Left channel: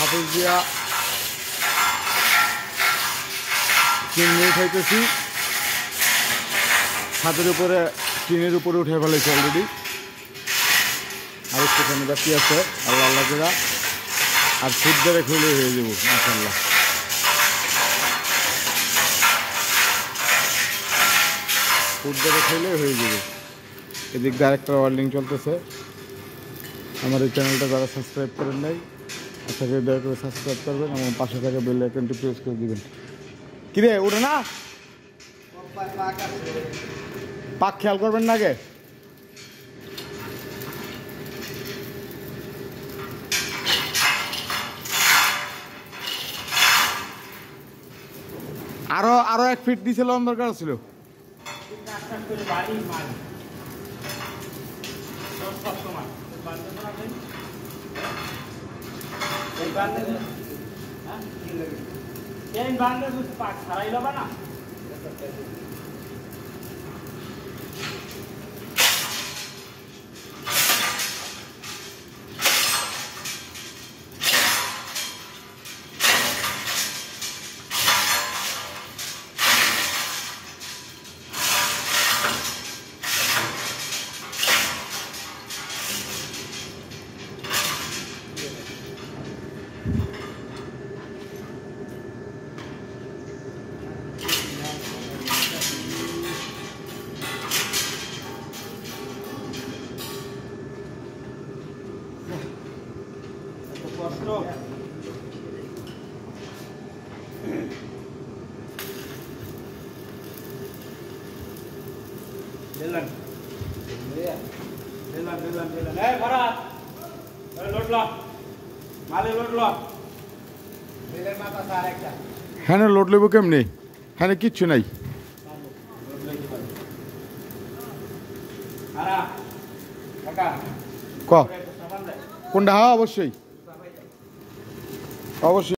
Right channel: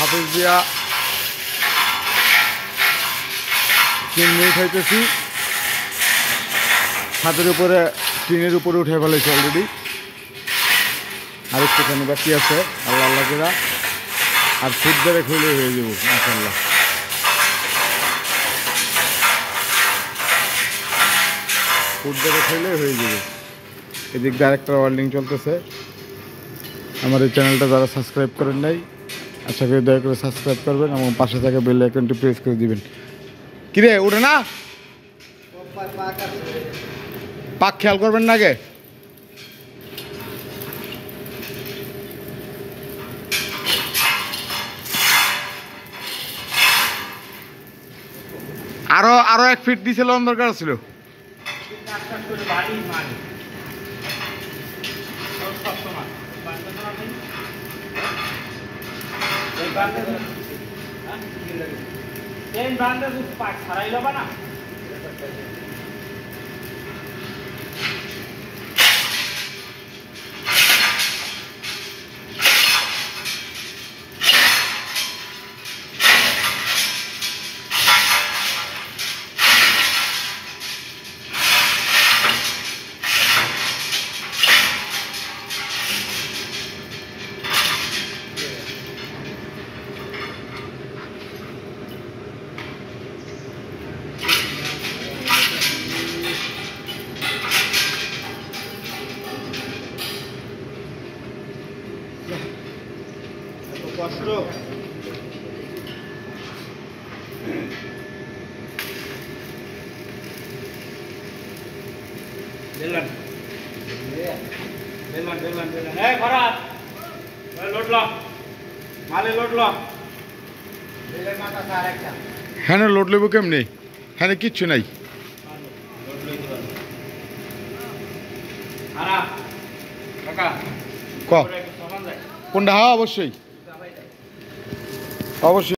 হাফেজ দিয়া চিমনি উঠাইতেছি। ছাদের উপরে টিনের উপরে উঠে ফেলেছি অলরেডি, আর একটুখানি বাকি আছে। আল্লাহ আল্লাহ করে আর ফুট ধরে খুলে হয়ে যাবো ইনশাল্লাহ। ফুট ধরে খেলে হয়ে যাবে। এদিক দিয়ে আরেকটা ওয়েল্ডিং চলতেছে। আমার এই চ্যানেলটা যারা সাবস্ক্রাইব করেন নাই, আশা করি দয়া করে সাবস্ক্রাইব করবেন এবং পাশে থাকা বেল আইকনটি প্রেস করে দিবেন। কিরে উঠে না, পাক খেয়াল করবেন না আগে। আরো 1 ফিট দিছিল দরকার ছিল। না কষ্ট দিলেন এই ভরাত লোড ল মালে লোড ল দিলের মাথা স্যার একটা। হ্যাঁ লোড লেবো কেমনি? হ্যাঁ কিচ্ছু নাই। ক কোনটা? হ্যাঁ অবশ্যই অবশ্যই।